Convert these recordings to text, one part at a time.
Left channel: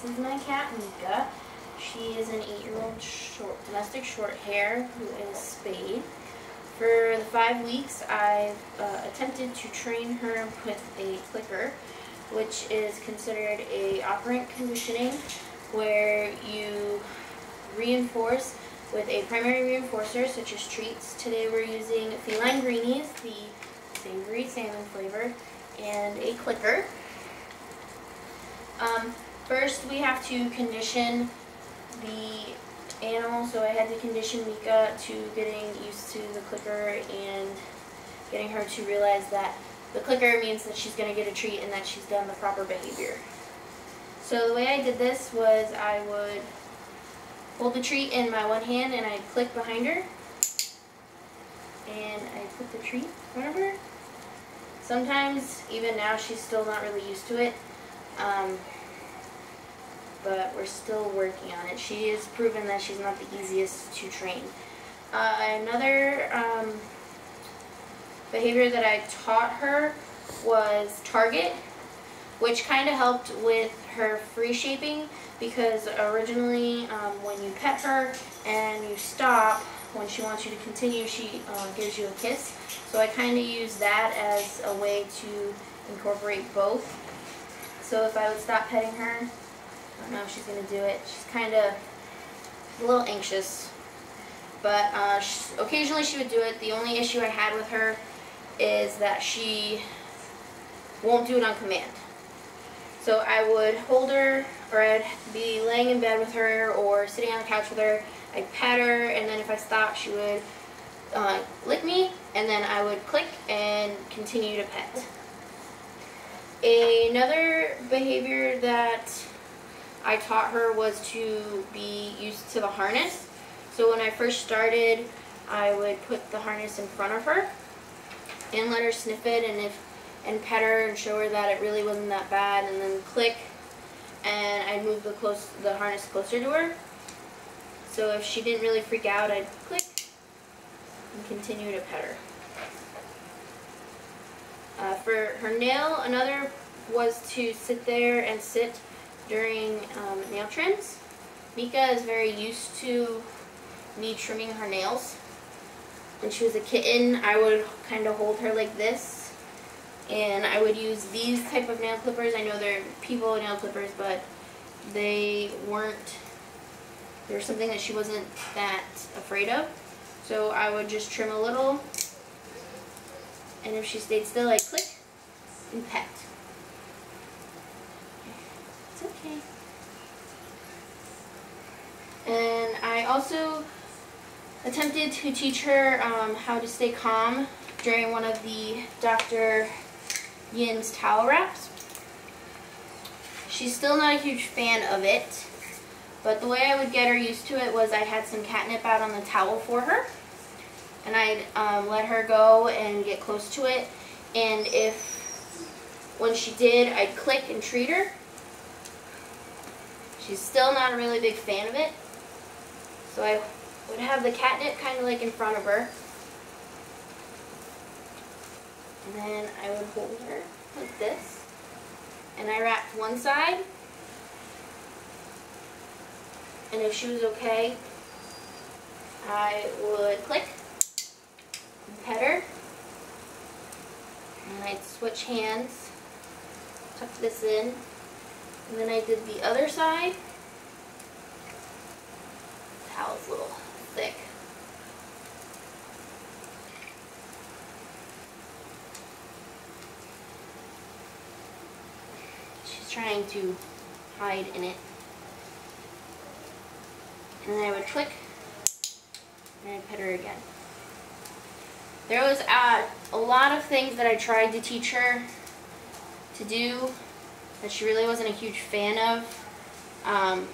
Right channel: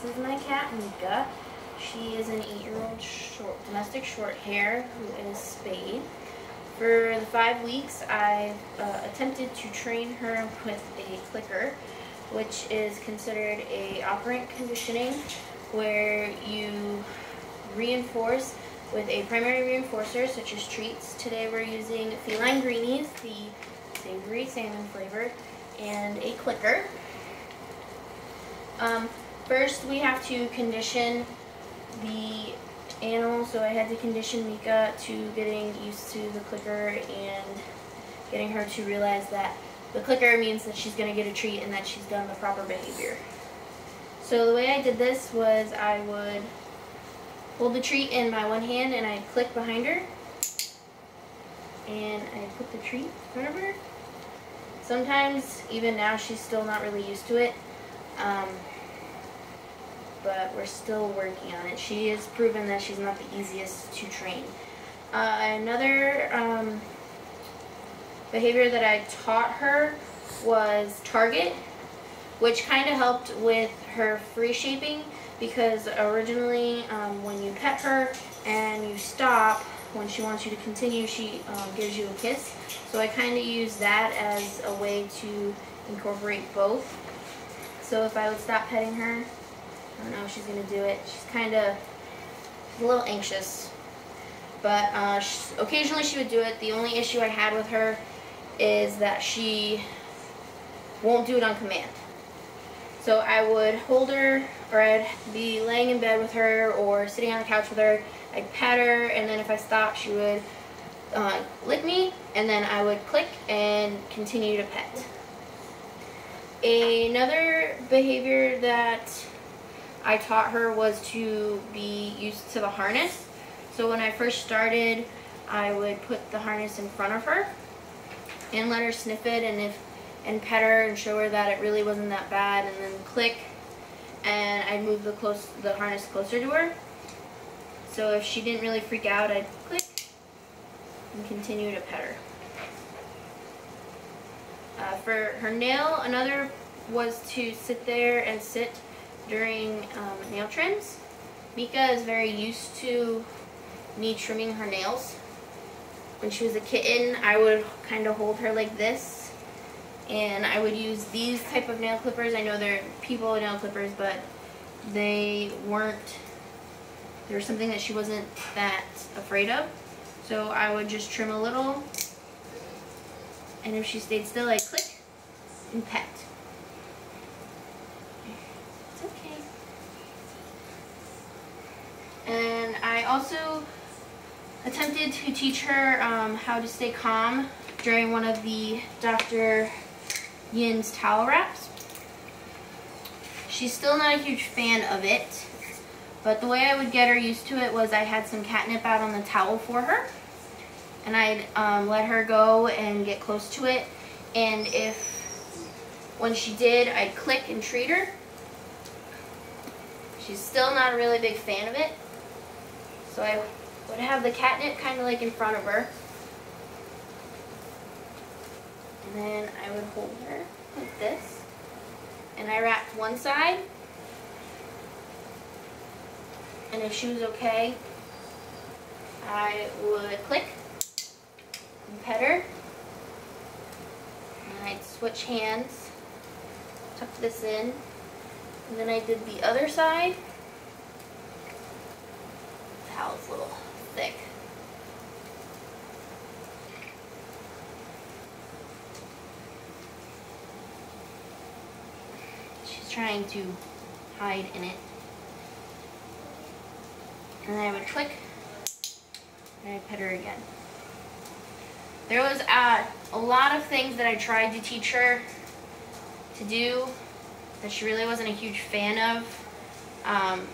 This is my cat, Mika. She is an 8-year-old domestic short hair who is spayed. For the 5 weeks, I attempted to train her with a clicker, which is considered a operant conditioning, where you reinforce with a primary reinforcer, such as treats. Today we're using feline greenies, the savory salmon flavor, and a clicker. First, we have to condition the animal, so I had to condition Mika to getting used to the clicker and getting her to realize that the clicker means that she's going to get a treat and that she's done the proper behavior. So the way I did this was I would hold the treat in my one hand and I'd click behind her and I put the treat in front of her. Sometimes, even now, she's still not really used to it. But we're still working on it. She has proven that she's not the easiest to train. Another behavior that I taught her was target, which kind of helped with her free shaping, because originally when you pet her and you stop, when she wants you to continue, she gives you a kiss. So I kind of use that as a way to incorporate both. So if I would stop petting her, I don't know if she's going to do it. She's kind of a little anxious. But occasionally she would do it. The only issue I had with her is that she won't do it on command. So I would hold her, or I'd be laying in bed with her or sitting on the couch with her. I'd pat her, and then if I stopped, she would lick me, and then I would click and continue to pet. Another behavior that I taught her was to be used to the harness. So when I first started, I would put the harness in front of her and let her sniff it and pet her and show her that it really wasn't that bad, and then click, and I'd move the harness closer to her. So if she didn't really freak out, I'd click and continue to pet her. For her nail, another was to sit there and sit during nail trims. Mika is very used to me trimming her nails. When she was a kitten, I would kind of hold her like this, and I would use these type of nail clippers. I know they're people nail clippers, but they weren't. There was something that she wasn't that afraid of. So I would just trim a little, and if she stayed still, I'd click and pet. It's okay. And I also attempted to teach her how to stay calm during one of the Dr. Yin's towel wraps. She's still not a huge fan of it, but the way I would get her used to it was I had some catnip out on the towel for her, and I'd let her go and get close to it, and when she did, I'd click and treat her. She's still not a really big fan of it, so I would have the catnip kind of like in front of her, and then I would hold her like this, and I wrapped one side, and if she was okay, I would click and pet her, and I'd switch hands, tuck this in, and then I did the other side. The towel's a little thick. She's trying to hide in it. And then I would click, and I'd pet her again. There was a lot of things that I tried to teach her to do that she really wasn't a huge fan of.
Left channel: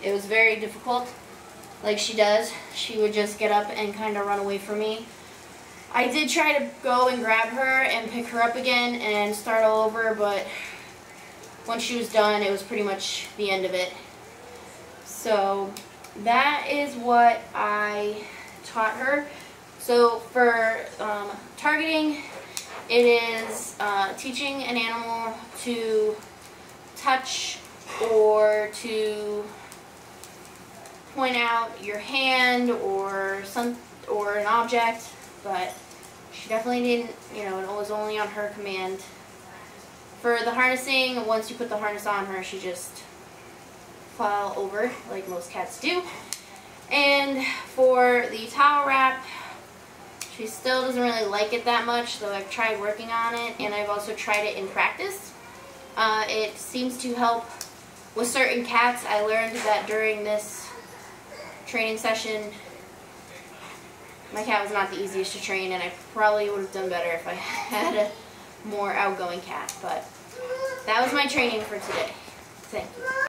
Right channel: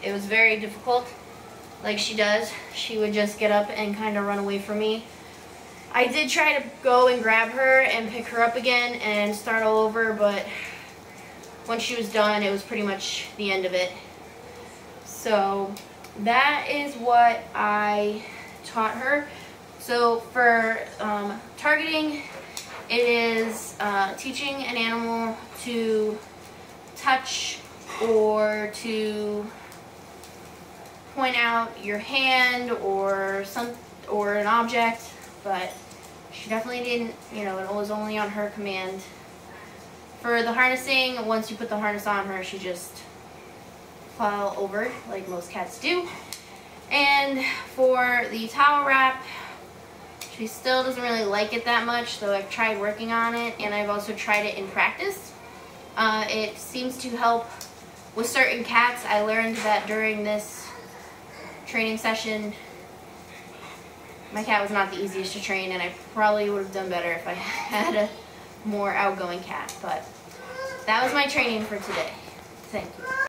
It was very difficult. Like she does, she would just get up and kind of run away from me. I did try to go and grab her and pick her up again and start all over, but once she was done, it was pretty much the end of it. So that is what I taught her. So for targeting, it is teaching an animal to touch or to point out your hand or an object, but she definitely didn't, you know, it was only on her command. For the harnessing, once you put the harness on her, she just fell over like most cats do. And for the towel wrap, she still doesn't really like it that much, though I've tried working on it, and I've also tried it in practice. It seems to help with certain cats. I learned that during this training session, my cat was not the easiest to train, and I probably would have done better if I had a more outgoing cat. But that was my training for today. Thank you.